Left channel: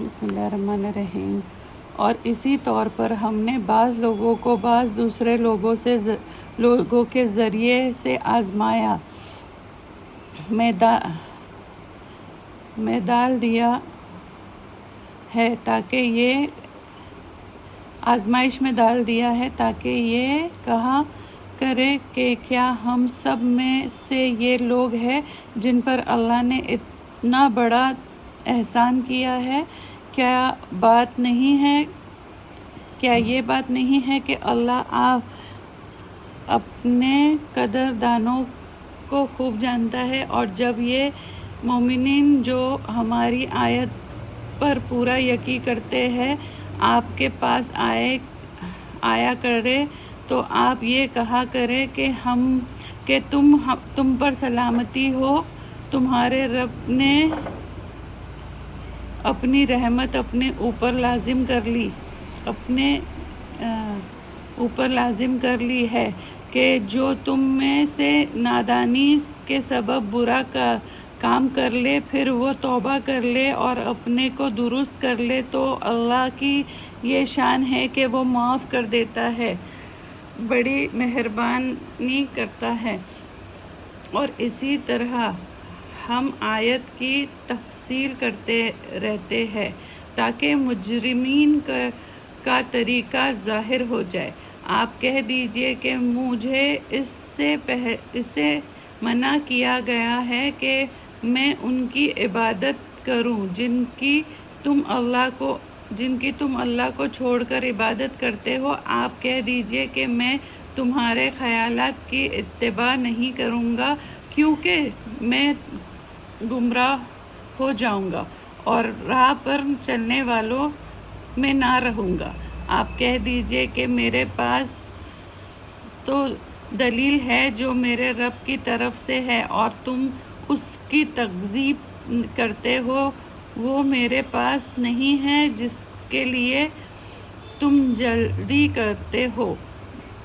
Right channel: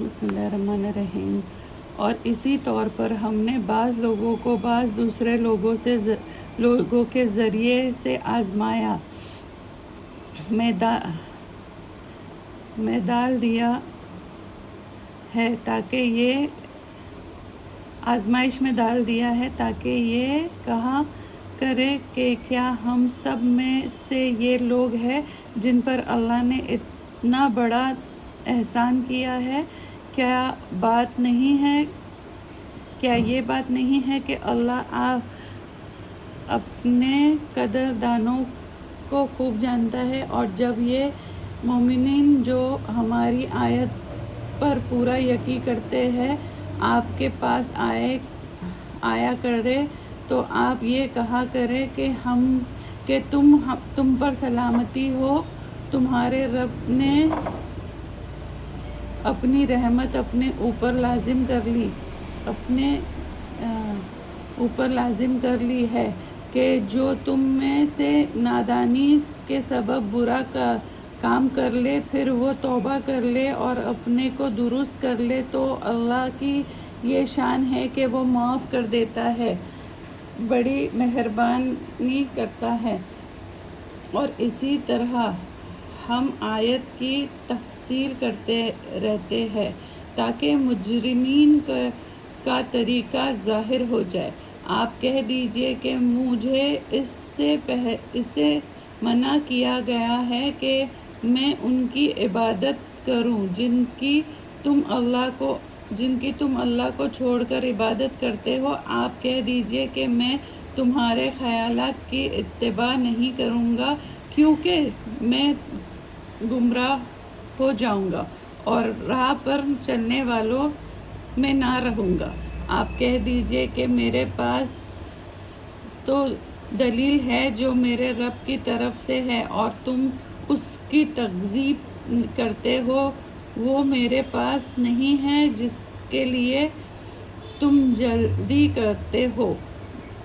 بسم اللہ الرحمن الرحیم۔ اور اسی طور پر ہم نے بعض لوگوں کو بعض دوسرے لوگوں کے ذریعے سے آزمایا میں ڈال دیا ہے تاکہ یہ کہا کرے کہ کیا ہم سب میں سے یہ لوگ ہیں جن پر اللہ نے اتنا بڑا احسان کیا ہے۔ کیا یہ بات نہیں ہے کہ اللہ اپنے قدردانوں کو خوب جانتا ہے؟ اور جب یہ مومنین جو ہماری آیت پر پورا یقین کرتے ہیں آپ کے پاس آیا کرے تو آپ یہ کہا کرے کہ تم پر سلامتی ہو، تمہارے رب نے اپنی رحمت اپنے اوپر لازم کر لی ہے کہ جو تم میں سے نادانی کے سبب برا کام کر لے پھر وہ توبہ کر لے اور اپنے کو درست کر لے تو اللہ کی یہ شان ہے کہ وہ معاف کر دیتا ہے، بڑی مہربانی کرتا ہے۔ اور اسی طرح ہم آیت کی تفصیل کرتے رہتے ہیں تاکہ مجرمین کا طریقہ ظاہر ہو جائے۔ آپ کہہ دیجئے کہ مجھے اس سے منع کیا گیا ہے کہ میں ان کی عبادت کروں جن کی تم اللہ کو چھوڑ کر عبادت کرتے ہو۔ آپ کہہ دیجئے کہ میں تمہارے خیالات کی اتباع نہیں کروں گا کیونکہ میں گمراہ ہو جاؤں گا اور راہ پر چلنے والوں میں نہ رہوں گا۔ آپ کہہ دیجئے کہ میرے پاس تو دلیل ہے جو میرے رب کی طرف سے ہے اور تم اس کی تکذیب کرتے ہو، وہ میرے پاس نہیں ہے جس کے لیے تم جلدی کرتے ہو۔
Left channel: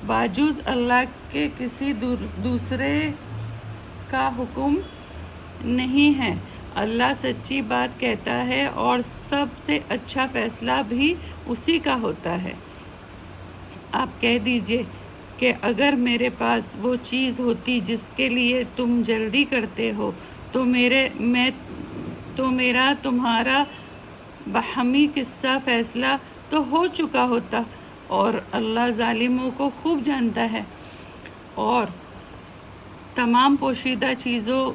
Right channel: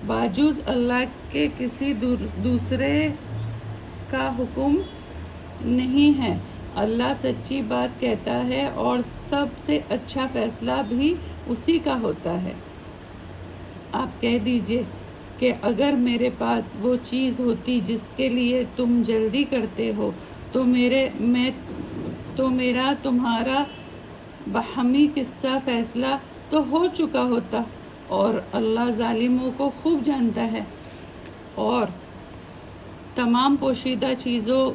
بجز اللہ کے کسی دوسرے کا حکم نہیں ہے۔ اللہ سچی بات کہتا ہے اور سب سے اچھا فیصلہ بھی اسی کا ہوتا ہے۔ آپ کہہ دیجئے کہ اگر میرے پاس وہ چیز ہوتی جس کے لیے تم جلدی کرتے ہو تو میرا تمہارا باہمی قصہ فیصلہ تو ہو چکا ہوتا، اور اللہ ظالموں کو خوب جانتا ہے۔ اور تمام پوشیدہ چیزوں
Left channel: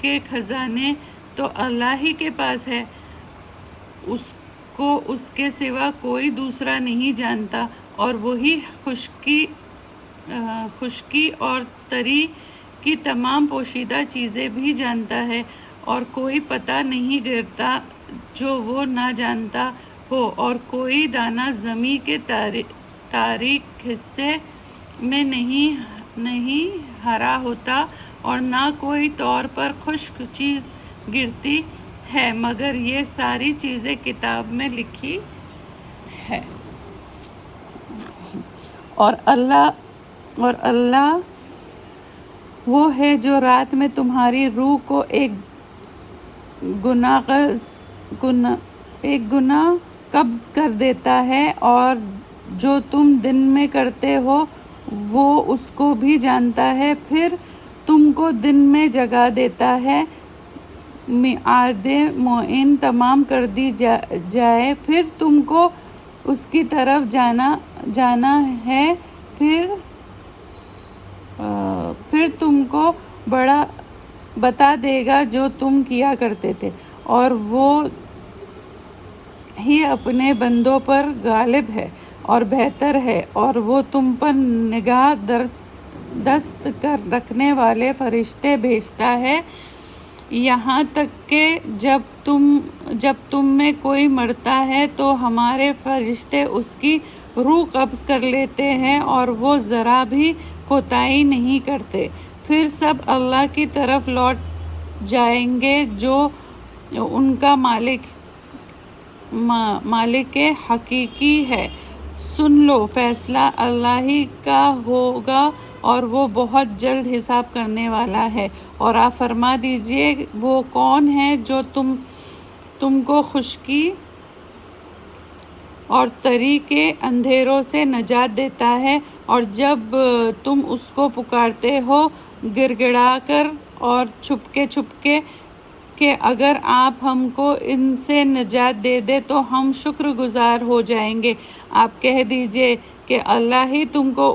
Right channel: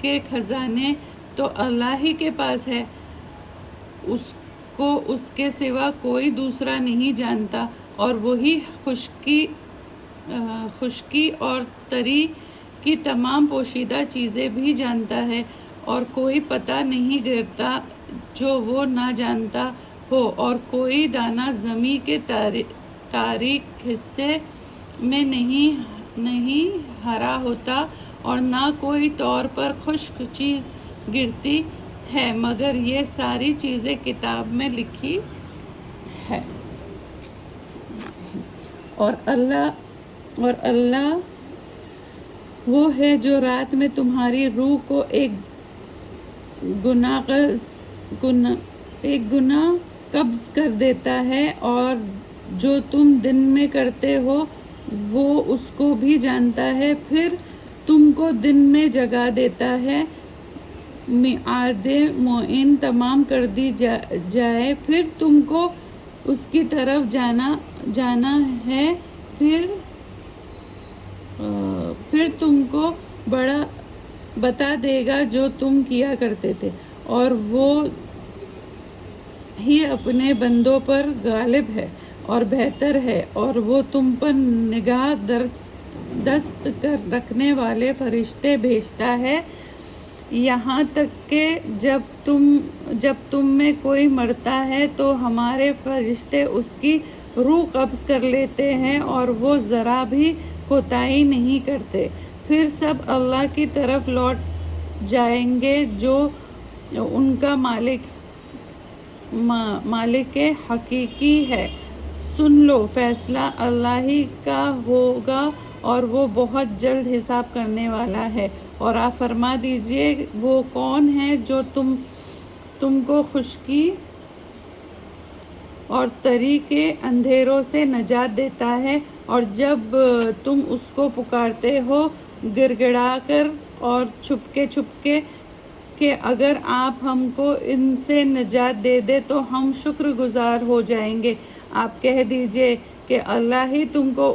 کے خزانے تو اللہ ہی کے پاس ہے، اس کو اس کے سوا کوئی دوسرا نہیں جانتا، اور وہی خشکی اور تری کی تمام پوشیدہ چیزیں بھی جانتا ہے، اور کوئی پتہ نہیں گرتا جو وہ نہ جانتا ہو، اور کوئی دانہ زمیں کے تاریک حصے میں نہیں ہرا ہوتا، اور نہ کوئی طور پر خشک چیز گرتی ہے مگر یہ ساری چیزیں کتاب میں لکھی ہے۔ اور اللہ وہ ہے جو رات میں تمہاری روح کو ایک گنا قبض کر دیتا ہے، اور جو تم دن میں کرتے ہو وہ اس کو بھی جانتا ہے، پھر تم کو دن میں جگا دیتا ہے، میعاد معین تمام کر دی جائے، پھر تم کو اس کی طرف جانا ہے، پھر تم کو بتا دے گا جو تم کیا کرتے تھے، اور وہ ہی اپنے بندوں پر غالب ہے اور بہتر ہے، اور وہ تم پر نگاہ دست کر رکھنے والے فرشتے بھیجتا ہے، یہاں تک کہ جب تم میں کوئی مرتا ہے تو ہمارے فرشتے اس کی روح قبض کر لیتے ہیں اور وہ ذرا بھی کوتاہی نہیں کرتے، پھر سب اللہ کی طرف لوٹ جائیں گے جو ان کا مالک حقیقی ہے۔ سن لو، فیصلہ اللہ ہی کا ہوگا اور وہ بہت جلد حساب کرنے والا ہے۔ اور آپ فرما دیجئے وہ کون ہے جو تم کو خشکی اور طریقے اندھیروں سے نجات دیتا ہے، اور جب تم اس کو پکارتے ہو گڑ گڑا کر اور چھپکے چھپکے کہ اگر آپ ہم کو ان سے نجات دے دے تو ہم شکر گزار ہو جائیں گے۔ آپ کہہ دیجئے کہ اللہ ہی تم کو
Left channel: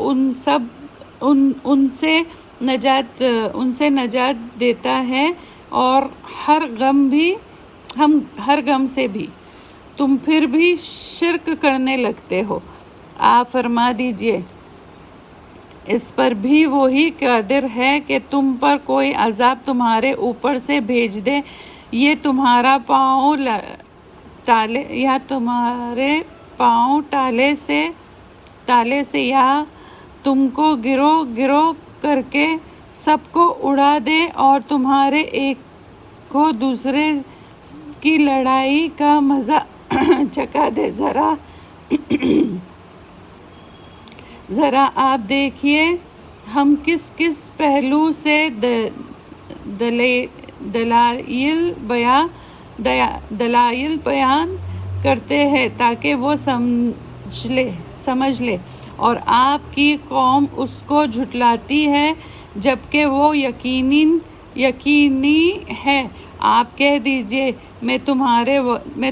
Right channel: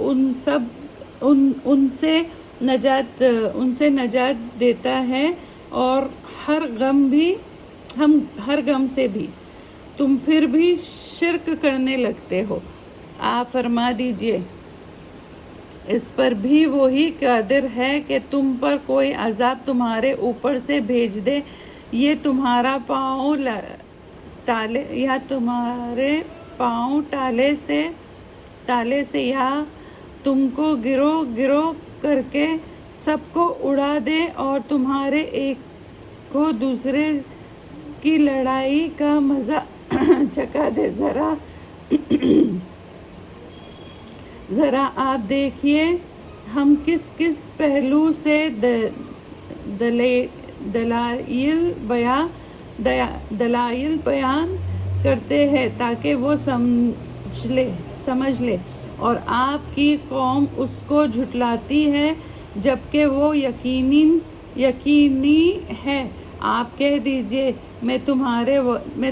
ان سے نجات دیتا ہے، اور ہر غم سے بھی۔ تم پھر بھی شرک کرنے لگتے ہو۔ آپ فرما دیجئے اس پر بھی وہی قادر ہے کہ تم پر کوئی عذاب تمہارے اوپر سے بھیج دے، یا تمہارے پاؤں تالے سے، یا تم کو گروہ گروہ کر کے سب کو اڑا دے، اور تمہارے ایک کو دوسرے کی لڑائی کا مزہ چکھا دے۔ ذرا آپ دیکھیے ہم کس کس پہلو سے دلائل بیان کرتے ہیں تاکہ وہ سمجھ لے، اور آپ کی قوم اس کو جھٹلاتی ہے جبکہ وہ یقینی ہے۔ آپ کہہ دیجئے میں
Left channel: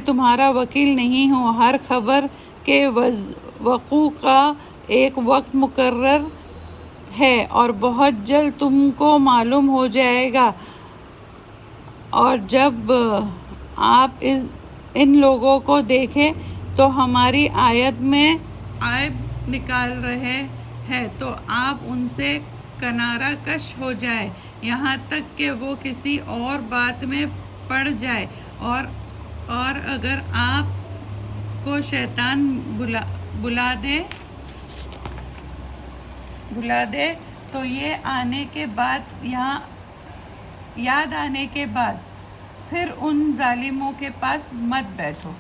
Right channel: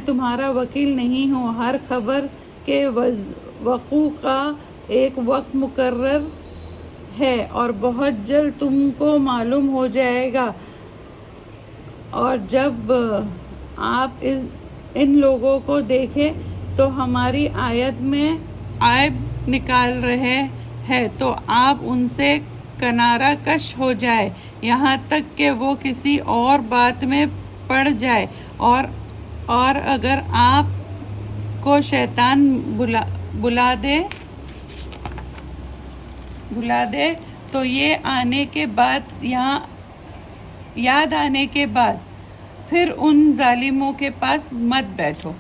تمہارا وکیل نہیں ہوں۔ ہر خبر کے وقوع کا ایک وقت مقرر ہے، اور بہت جلد تم کو معلوم ہو جائے گا۔ اور جب آپ ان لوگوں کو دیکھیں تو ہماری آیت میں عیب نکال رہے ہیں تو آپ ان سے کنارہ کش ہو جائیں، یہاں تک کہ وہ کسی اور بات میں پڑ جائے، اور اگر آپ کو شیطان بلا دے تو یاد آنے کے بعد پھر ان ظالموں کے پاس مت بیٹھو۔